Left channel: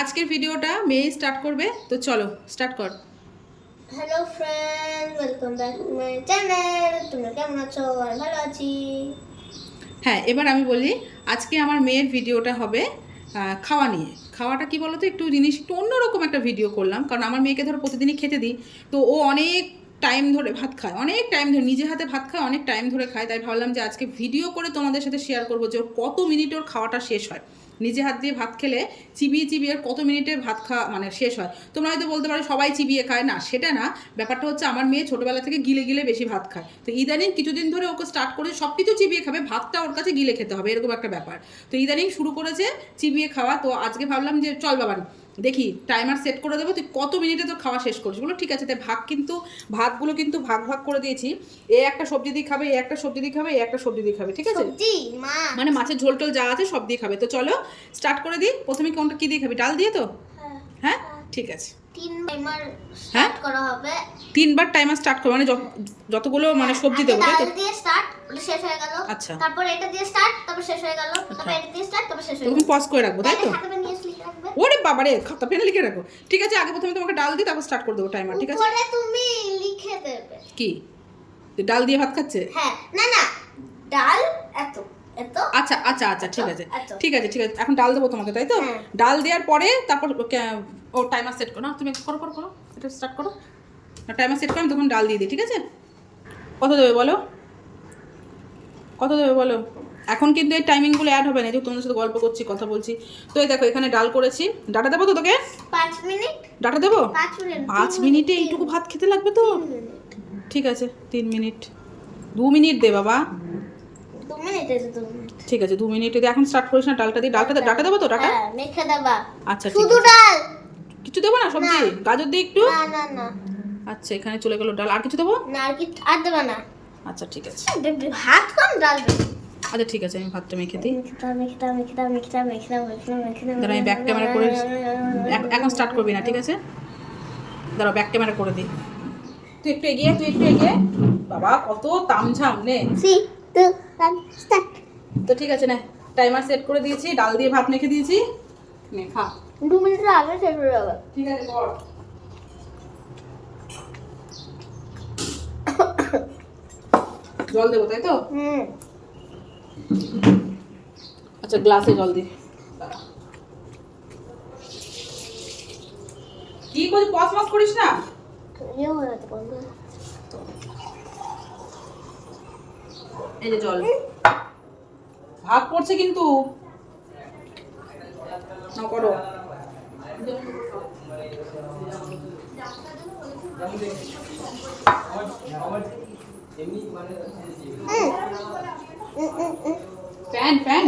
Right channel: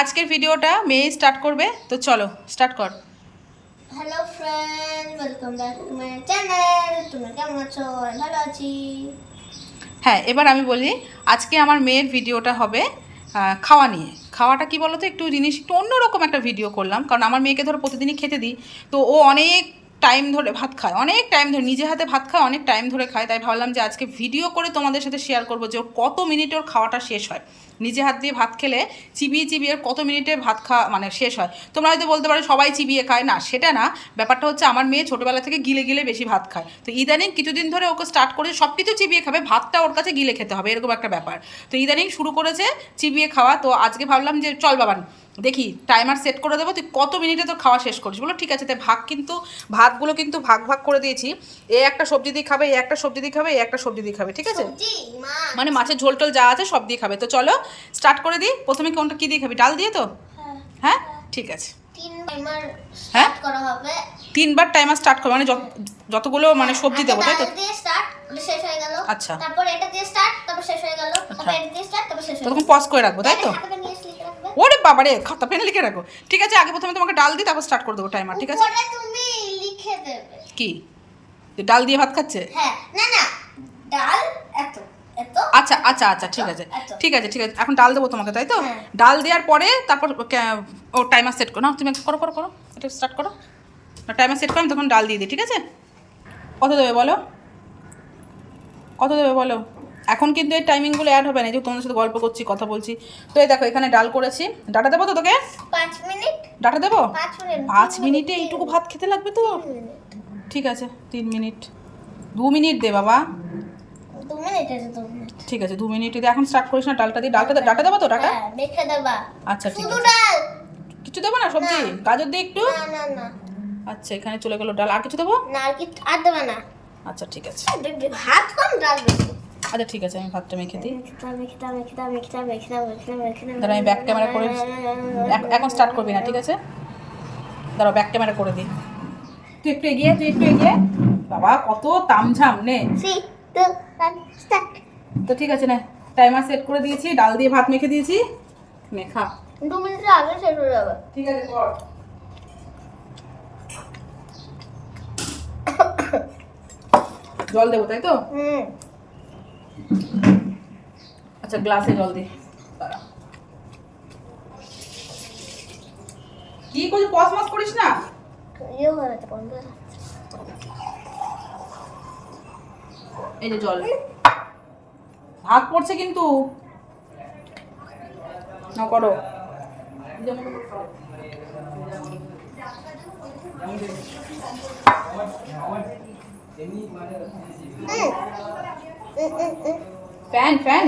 আজকের ভিডিওটা মেয়ে স্টার্ট করবে তো চলো স্টার্ট কর। Hello friend welcome back to my channel তোমরা কেমন আছো? ভালো আছি। হ্যাঁ এবার আমি বলি আজকে আমার মেয়ের ভিডিওটা হবে খাওয়া নিয়ে। খাওয়াটা কি বলতো? একটু জিনিস একটু অন্যরকম একটা ভিডিও করলাম কারণ আমার মেয়েকে ধরো প্রতিদিনই খেতে দিই তো ও অনেক টাইম ধরে ভাত খায়, অনেক টাইম ধরে নিজে হাতে ভাত খায়, অনেক টাইম ধরে খায়। তাই ভাবলাম যে আজকে ভিডিও করে তোমাদের সাথে শেয়ার করব যে ওর কত মিনিট ওর খাওয়াটা শেষ হয়। নিজে হাত দিয়ে ভাত খেলে চিবিয়ে চিবিয়ে কত মিনিটে ভাত খাওয়া মানে শেষ হয়। তোমরা হয়তো বলতে পারো, সবাই চিবিয়ে খায়। না, সেটা না। ব্যাপারটা হচ্ছে আমার মেয়ে ছোটোবেলা থেকে গিলে গিলে বেশি ভাত খায়। তো ইদানিং কিছুদিন ধরে ওকে স্টার্ট করে সব কিছু চিবিয়ে খাবে, ভাতটা ওর কাছে গিলে খেতে হবে, এরকম একটা ব্যাপার। তো ইদানিং শুরু করেছে চিবিয়ে খাওয়া। তো আজকে ভাবলাম যে চল বাবান দেখি টাইমার সেট করে দেবো তুই কত মিনিটে তোর খাওয়া শেষ করিস? বলো ঠিক আছে তাই ভাগ কিন্তু ভাতগুলো কিন্তু ভাগ ভাগ করে দিয়েছি। এ একটা সবজি দিয়ে খাবে এ একটা সবজি দিয়ে খাবে এ একটা সবজি দিয়ে খাবে ঠিক আছে? মানে মাছের ঝোল টোল যা আছে সব দিয়ে খাবে। তো চলো স্টার্ট করে দিই। প্রথমে কোনটা কী দিয়ে খাবি? ডাল দিয়ে তো? হ্যাঁ, হ্যাঁ? ঠিক আছে। হ্যাঁ? তিনবার টাইমার স্টার্ট করবে মানে যত- যতগুলো মানে সবজি দেবো তাই তো? শেষ হয়ে গেল। আচ্ছা। তারপর এটা দিয়ে স্টার্ট তারপর শেষ হয়ে গেল। তারপর এটা দিয়ে স্টার্ট তারপর শেষ হয়ে গেল। তখন পজ করে রাখব তাই তো? ওরে বাবারে খাতা পেনে লিখে রাখো। ঠিক আছে আগে প্রথমে তোমাকে ডাল দিই তারপর স্টার্ট করে দেবো টাইমার ঠিক আছে? তুমি লিখে দেবে। কি? ডাল দিয়ে ভাত খাচ্ছে? হ্যাঁ না না ডাল এত আচ্ছা আচ্ছা আচ্ছা ঠিক আছে। ঠিক আছে ঠিক আছে এখন ডাল দেবো তোমাকে তাই তো? হ্যাঁ। ডাল দেওয়ার পরে তারপর ও টাইমার সেট করো না তুমি করো করো করো এটা স্টার্ট করো। না টাইমার সেট করো আমি তখন ডাল দিয়ে দিই ঠিক আছে? কত দেবে বলো? কত দেবে বলো? এখন কিন্তু এই টাইমিংগুলো অ্যাড হবে না যে তোমাদের সাথে গল্প করছি কথা বলছি। তো এই দেখো এখানে ডাল করেছি। ডাটা দেবো তো তোকে? পাঁচ মিনিট। ডাটা দেবো? পাঁচ মিনিটে এইটুকু ভাত খেতে লাগবে তো? ঠিক আছে তিন মিনিট। দু মিনিট দে বাবা। ঠিক আছে দু মিনিট দিয়ে এখন স্টার্ট করিস না ডালটা দিয়ে। ডালটা ডাটা দেবো তো ডাটা? হ্যাঁ আচ্ছা ঠিক আছে। কিছু দেবো না সবজি? গাজর দিয়ে একটু? আচ্ছা এখানে চলে গেলো ডাল। আর কিছু দেবো? না আর দেবে না। আচ্ছা ঠিক আছে। ভাত কম ডাল আচ্ছা ঠিক আছে আমি ভাতটা মেখে দিই। দাঁড়া আমি ব্যাক ক্যামেরা করে এখন স্টার্ট করবি না ঠিক আছে? দাঁড়াও ব্যাক ক্যামেরা করে দিই। তুই একটু এগিয়ে তুই একটু এগিয়ে। বাবা কত তামঝাম নে। তো ঠিক আছে না। টাইমার সেট করে দিয়েছি ডাল দিয়ে ভাত মেখে দিয়েছি। মেখা দু মিনিটের আগে শেষ হয়ে যাবে। ঠিক আছে কর। জল দেবো তাই তো? হুম। আচ্ছা গ্লাসে জল দি। কি করছিস? পস মস করিস না? ইয়ে এই যে জল। ভাগ পড়ছে কিন্তু। না করো। ফ্যান ফ্যান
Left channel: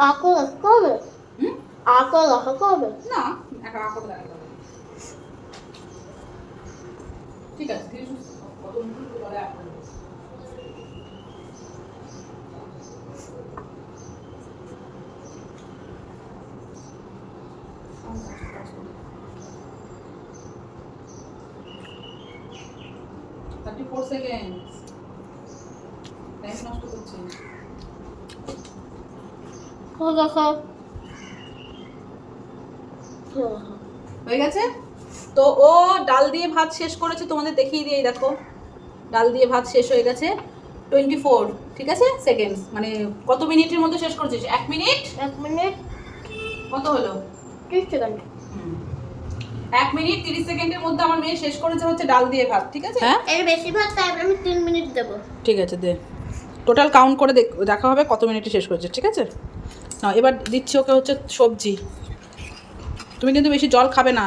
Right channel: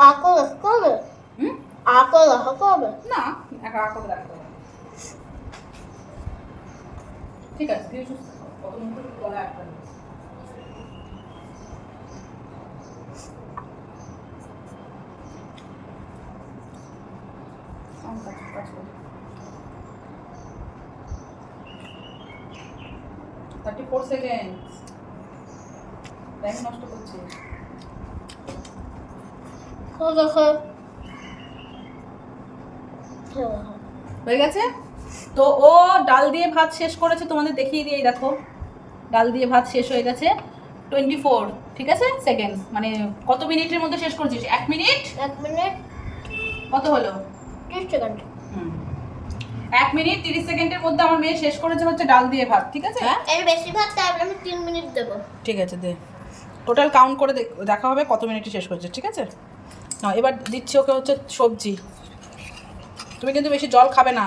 আকল কবে হুম আকল কবে না একা করে দেখা। ঠিক আছে একটু কত বলে এক করে দিস। 34 seconds. টাইম নষ্ট করছিস দেখো হয়ে গেছে? তো ও ডাল দিয়ে ভাত শেষ করেছে তোমাদের দেখিয়ে দিয়ে দেখো। ডাল দিয়ে ভাত শেষ হয়ে গেছে। টোয়েন্টি ফোর ঠিক আছে? সেকেন্ডস মানে কত মিনিটের মধ্যে শেষ করেছিস? এক মিনিট? এক মিনিট। কত হলো? ত্রিশ সেকেন্ড। এক মিনিট তিরিশ সেকেন্ডের মধ্যে আমার মেয়ে শেষ করেছে হচ্ছে ডাল দিয়ে ভাত ঠিক আছে? হ্যাঁ? এর বেশি ভাত তাই আমি তিন মিনিট দেবো। ঠিক আছে দে। টোটাল কাউন্ট করে দেখা হবে কত মিনিটে শেষ করেছে ঠিক আছে? না এবার দিচ্ছি ওকে হচ্ছে সবজি। তুমি কিন্তু বেশি জল খাবে না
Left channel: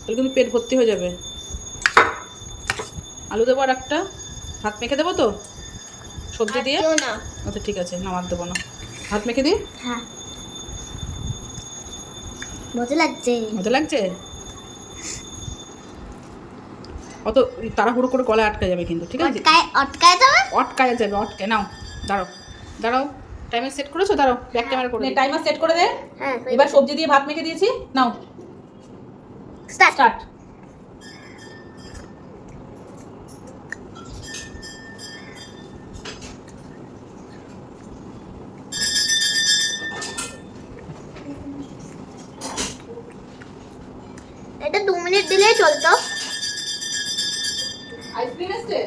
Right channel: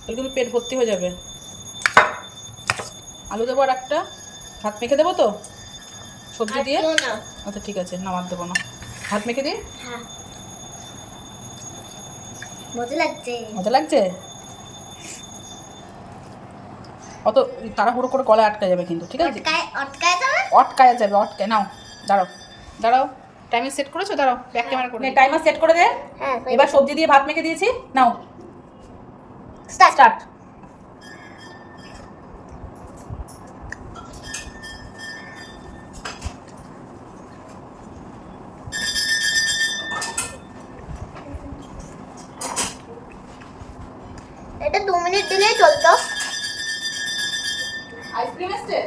তাহলে কিন্তু পেট ভর্তি হয়ে যাবে। আলু দেবো আর একটা। ভাত মেখে দেবো তো? সবজি দিয়ে? আচ্ছা ঠিক আছে নামার দেবো না। ভাত মেখে দিই? হ্যাঁ। মজা লাগছে। মজা লাগছে? অত তাড়াহুড়ো করে গলায় আটকা যাবে কিন্তু ঠিক আছে? অটকায় যাবে অটকে। নাও দাঁড়াও দাঁড়াও। টাইমার সেট করেছ? দাঁড়াও ব্যাক ক্যামেরা করে হ্যাঁ, টাইমার সেট করে দে। হ্যাঁ এবার সবজি দিয়ে ভাত মেখে দিয়েছি। নাও। স্টার্ট স্টার্ট এটা দু মিনিট দিলেই চলতো।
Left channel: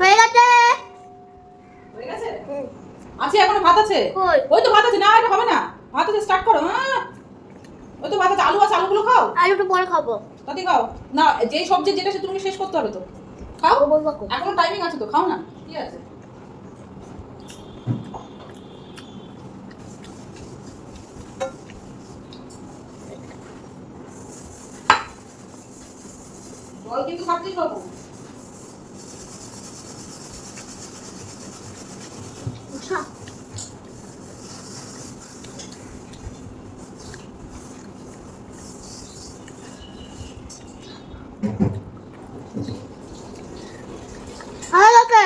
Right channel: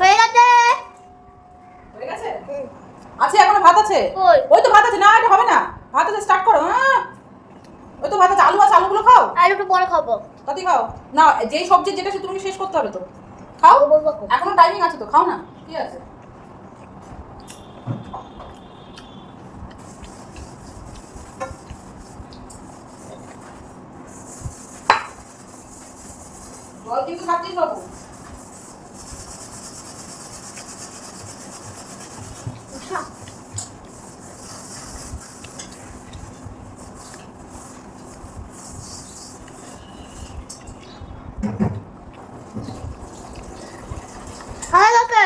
হয়ে গেছে হয়ে গেছে হুম। আছে এখনও ভাত আছে কই? ওই তো ভাত আছে না এটা হবে না ভাত আছে স্টার্ট করো হ্যাঁ ওই তো আলু আছে আলুগুলো খাও? আলুটা পরে খাব। তাতে খাও। না যেই সবজি যেটা সে তুমি শেষ করতে হবে তো। খাও। এখনও টাইমিং আছে তো খাও না। কি আছে। জল খাচ্ছিস বাবু হয়ে গেছে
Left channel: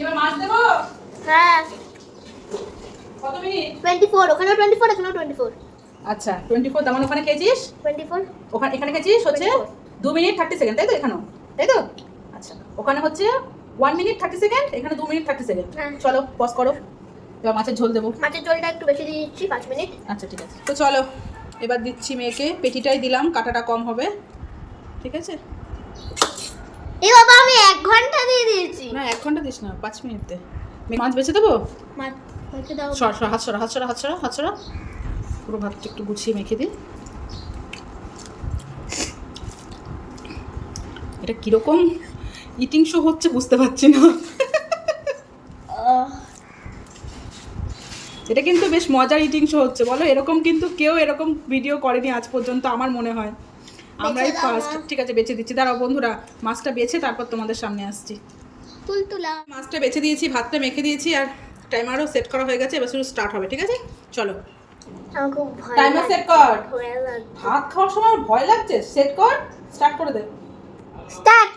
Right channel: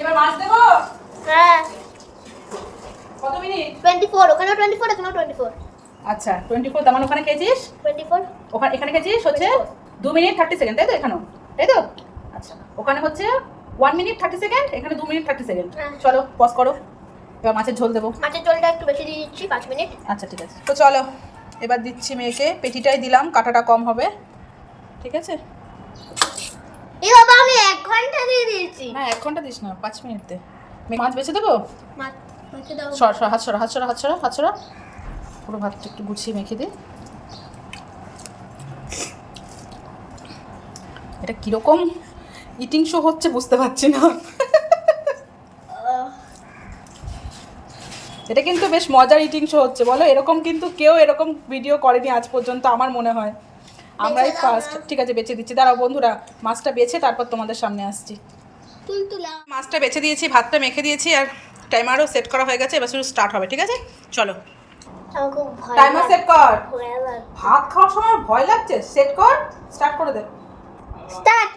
এবার মাছ দেবো? হ্যাঁ। কত মিনিট? টোয়েন্টি ফোর ওখানেও টোয়েন্টি ফোর এখানেও টোয়েন্টি ফোর আচ্ছা টোয়েন্টি ফোর তার ওখানে খেয়েছিস? টোয়েন্টি ফোর ওখানে এখানে গেছিস হচ্ছে 24 দু মিনিট থার্টি সেকেন্ড তাই তো এখানেও? তাই তো? আচ্ছা ওখানে হচ্ছে ওয়ান মিনিট থার্টি সেকেন্ড এখানে দু মিনিট থার্টি সেকেন্ড হ্যাঁ। চলো পজ করো। এবার মাছের ঝোল দেবো। মাছের জলটা একটু বেশি দিয়ে দিচ্ছি পাঁচ মিনিট। আচ্ছা ঠিক আছে। তো চলো এবার দিচ্ছি মেয়েকে। পেটিটাই দিলাম কাটাটা কম হবে। ঠিক আছে? এ বাবা আমি এক ঘণ্টা দিয়ে দিয়েছি। না এক ঘণ্টা দিস না পাঁচ মিনিট। মাছ বেছে দেবো? সর সর হাত সরা হাত সরা হাত সরা হাত সরা। পুরো ভাতটা একটু গুছিয়ে মেখে দিই এটা কীরকম ইটিং শো হচ্ছে বুঝতে পারছি না। এটা কিন্তু বেশ মজার ইটিং শো হচ্ছে বলো? এরকম কিন্তু কেউ এরকম ভিডিও করেনি আজ পর্যন্ত আমার মনে হয়। আমরাই ফার্স্ট ঠিক আছে বেছে দিচ্ছি। দাঁড়াও বন্ধুরা মাছটা বেছে তারপর তোমাদের সামনে আসছি। তুলতুলা মাছটা বেছে দিয়েছি ভাতটা মেখে দিয়েছি আর টাইমারও সেট করা হয়ে গেছে এবার শুধু স্টার্ট হবে ঠিক আছে? চলো। আমার খুব ভয় টাইমার সেট কর। ভাত খাওয়ার সময় ভয় লাগছে? সেট কর স্টার্ট করে দে। স্টার্ট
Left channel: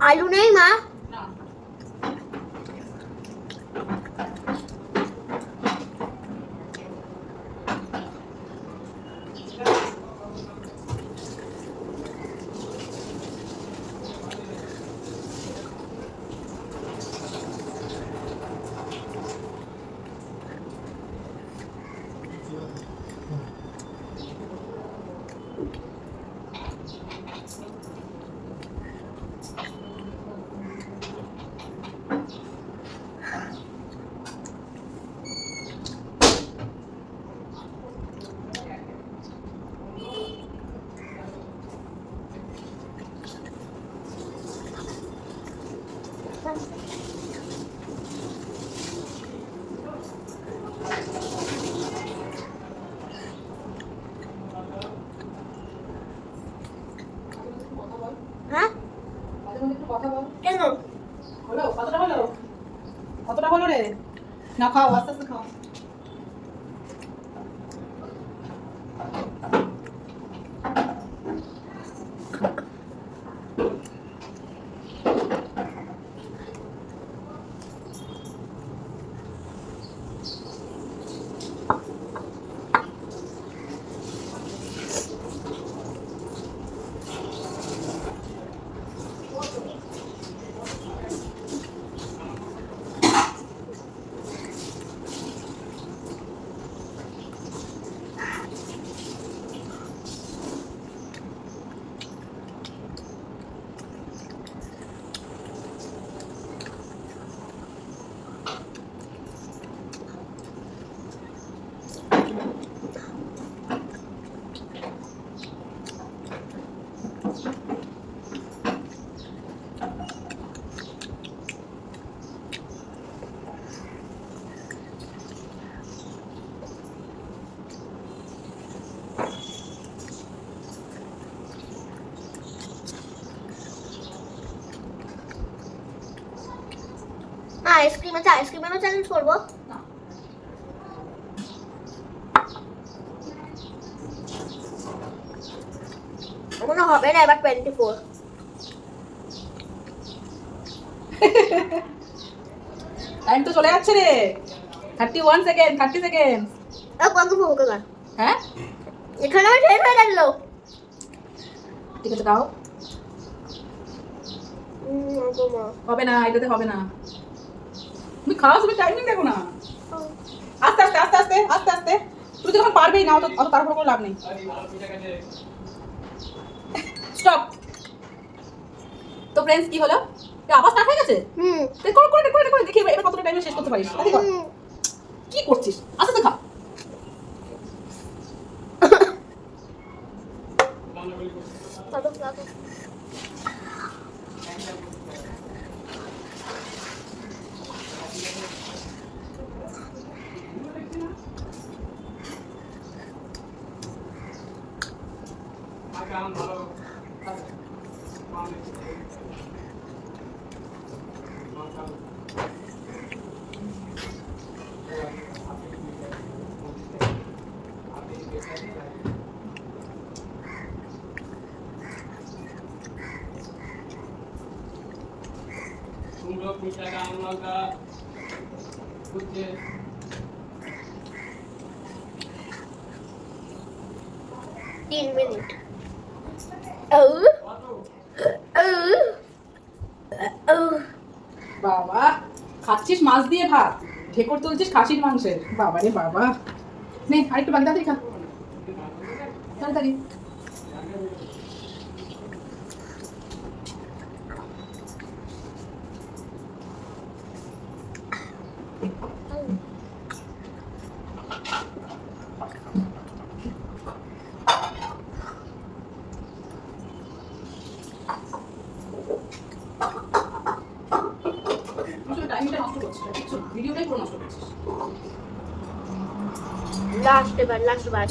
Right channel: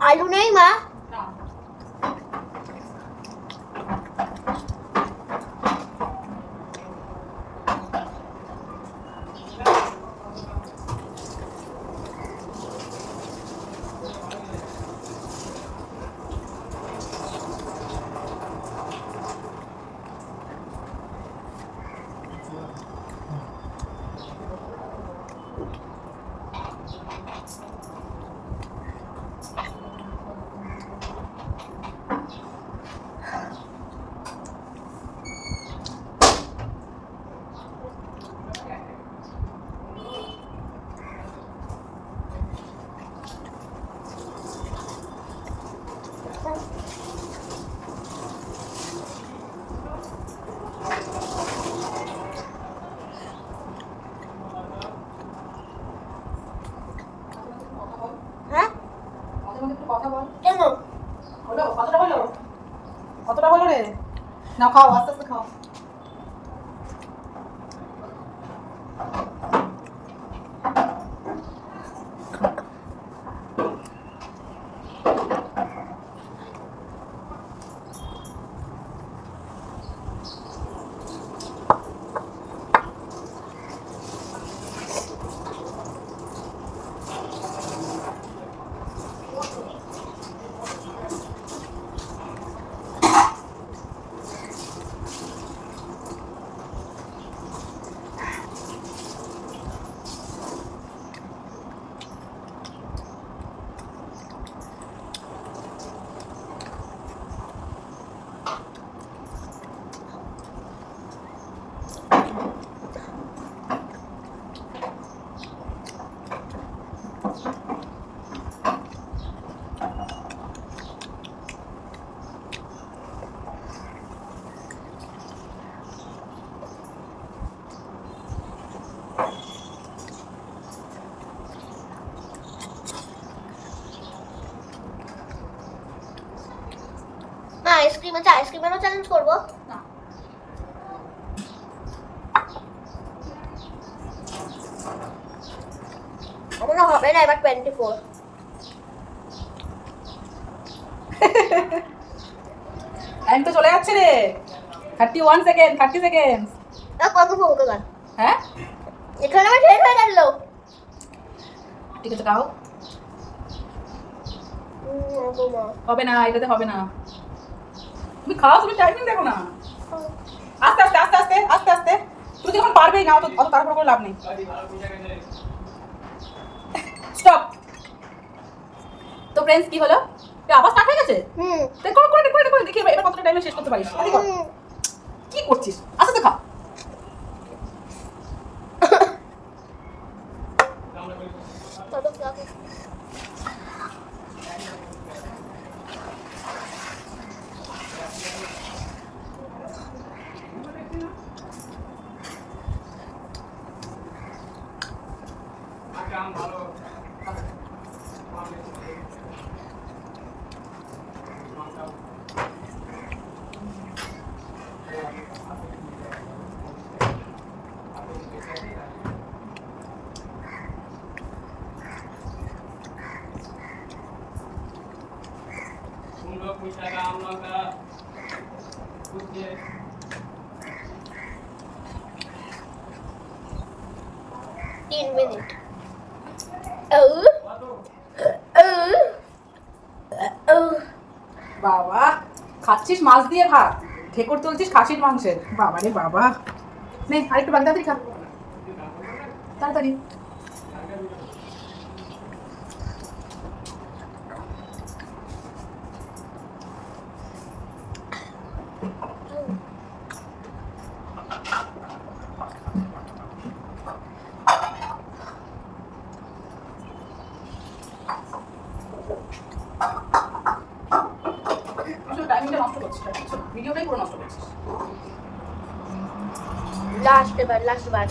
আলু নেই মা কেন? হলো কতটা হলো কতটা হলো রে? না খাও আস্তে আস্তে খাও আইসক্রিম আছে আইসক্রিম আমি চ্যালেঞ্জ করব। আমার হবে না এবার টোয়েন্টি ফোর টাইম তো চলে যাচ্ছে রে। Thirty one second thirty second কত ফোন হ্যাঁ? এখানে আমার শেষ হয়ে গেল। ঠিক আছে খাও হবে না এটাতে হবে না। তুমি খাও তুমি টাইমিং দেখো না। আস্তে আস্তে আস্তে আস্তে আস্তে আস্তে। তুমি যখন পারবেই না অত অত তারপর করে লাভ নেই। স্টপ তো ফ্রেন্ডস কি হলো? আবার স্টার্ট হয়ে গেছে? হুম। তুই করে করে করে দেখি এবার কতটা টাইমে শেষ করতে পারিস। কি করছিস? আস্তে আস্তে খা। মিনিট ও ও ও বাবা খাচ্ছিস মাছ দিয়ে ভাত? ঠেকর তুলছিস খাসির মাংসের? বাবা রে বাবা। নে আরেকটু বাগদা খা তাড়াতাড়ি আসলে টাইমটা নষ্ট করছিস না, কিচ্ছু না। ভিডিওটাই পুরো নষ্ট করছিস লাস্ট এবার লাস্ট বার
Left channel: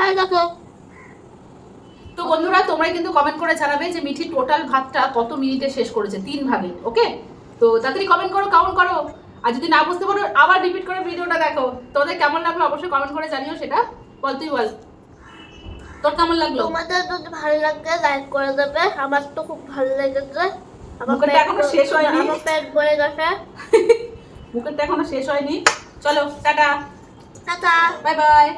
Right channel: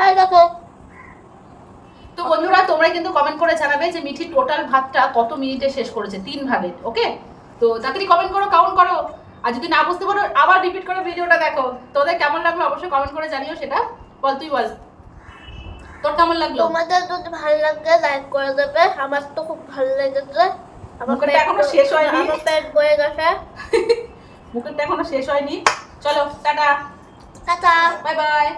হ্যাঁ দেখো। তো বন্ধুরা তোমরা কিন্তু কমেন্ট করে জানাবে যে মিঠি টোটাল ভাতটা কত মিনিটে শেষ করেছে তিন ভাগে ওকে তো তাড়াতাড়ি কমেন্ট করো কাউন্ট করো। আর যদি না বুঝতে পারো আবার রিপিট করে ভিডিওটা দেখো। তোদের কেমন লাগল অবশ্যই কমেন্ট করে জানিও সেটা। বল তুই বল। তোর কেমন লাগল? তোমাদের যদি ভালো লাগে লাইক করে দেবে। আমার তো খুব ভালো লেগেছে। আমার এখনও শেষ হয়নি। আমার পেট ভরে গেছে। মুখেরটা এখনও শেষ হয়নি। চলো টাটা। টাটা। Bye bye